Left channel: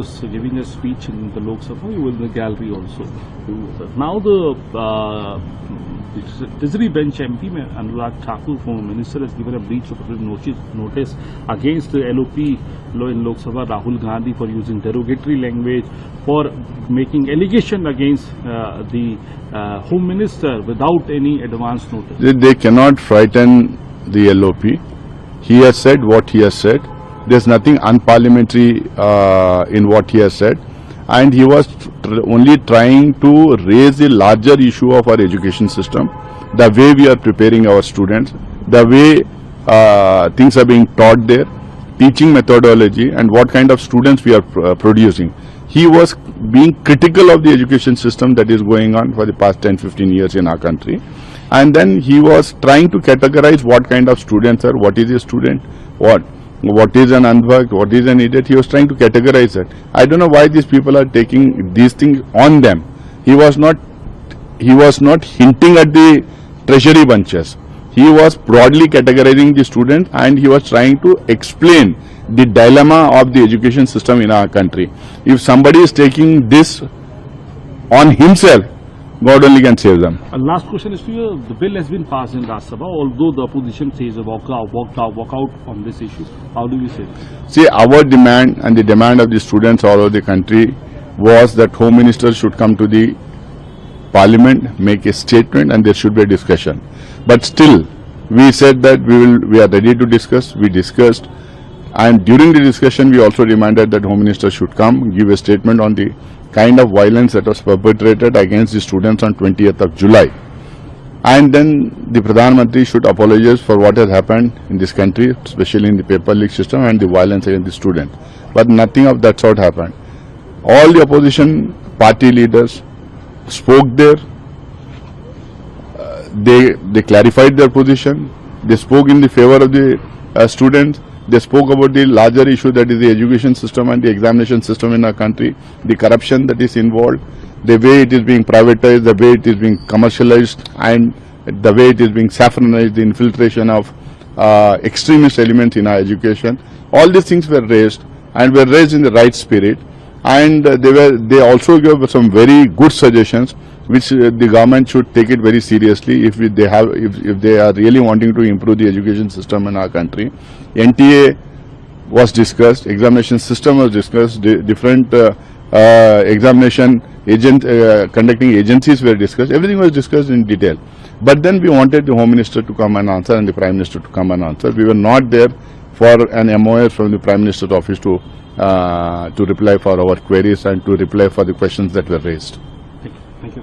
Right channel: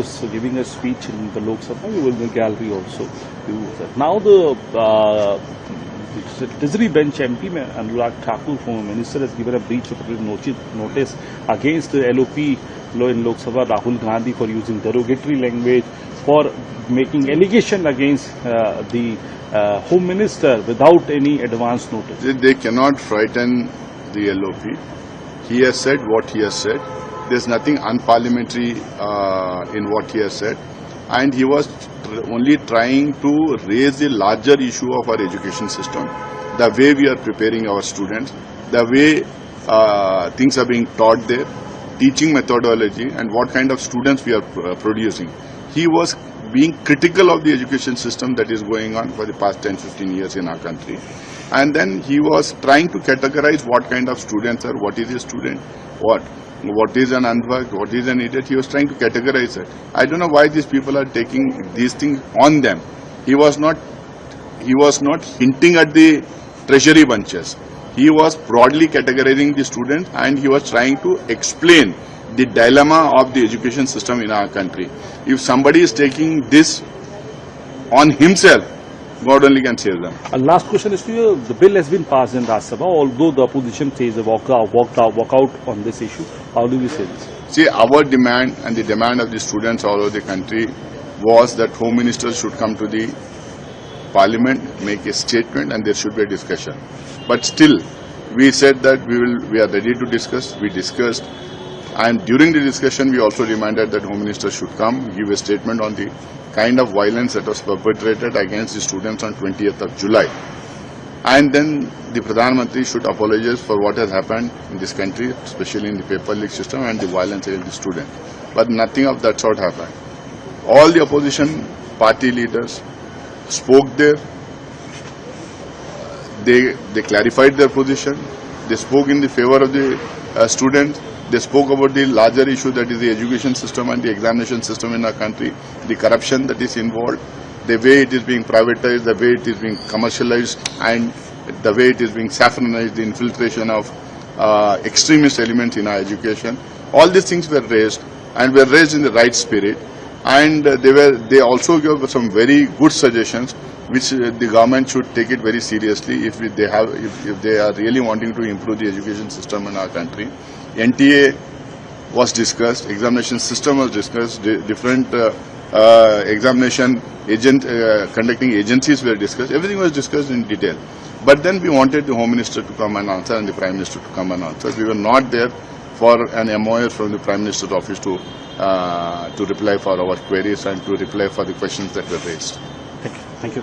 was giving a speech in the Lok Sabha. He was in the gallery also. Now the Treasury bench MP, Anurag Thakur, former minister, has given a breach of notice against the LOP law in Lok Sabha, Rahul Gandhi, for using derogatory language, for making allegation against the Home Minister without any advance notice. They cannot frighten the LOP. He has said what he has said. There's nothing unparliamentary in what he has said, and he was only trying to raise the larger issue of our education system, the way we are preparing our students, the way things are being taught there, teaching methodology, and what kind of students we are producing. He was being critical of the education system that is going on for the past 10-15 years in our country, and then he was trying to categorize what kind of students are, what is a student, what is an unworked, what is an idiot. He was trying to categorize it. I don't know why these people are taking these things on them. He was not hinting at the treasury bunches. He was broadly categorizing the students, and he was trying to explain the dilemma of the education system in our country. If somebody is taking this on himself, God only can save them. Last question is to you. The bill has been passed in Rajya Sabha, although the opposition says a walk out on this issue. How do we say this? See, our demand and the demand of the students all over the country was that Home Minister should come to the Parliament, make a statement, and there should be a discussion. But still, we said that we are ready to discuss. We discussed, and during the discussion, we also demanded that Home Minister should come, give a statement on the kind of violence that was perpetrated against the students on 20th of July. And then the Pradhan Mantri should apologize for what has happened in this country, especially in the paper leak system and the violence against the students. But nothing of that sort happened. All the opposition party leaders spoke there. They clarified their position. They spoke in the favor of the students. They spoke about the larger issue, that is the education system and the examination system in our country, the corruption that is involved, the way it is being privatized, the way it is being commercialized, and the way it is being saffronized, the infiltration of extremist elements in our education. All these things were raised, and were raised in the right spirit, and they also gave some very good suggestions which the government should take it very seriously if they are really wanting to improve the education system in our country. NTA was discussed, examination system was discussed, different examination conducting agencies were discussed, everything was discussed in detail. But then we wanted the Home Minister to come and answer and the Prime Minister to come and answer. We were not there for an MOA from the Prime Minister's office to reply for our queries and to reply for the questions that were raised. Thank you.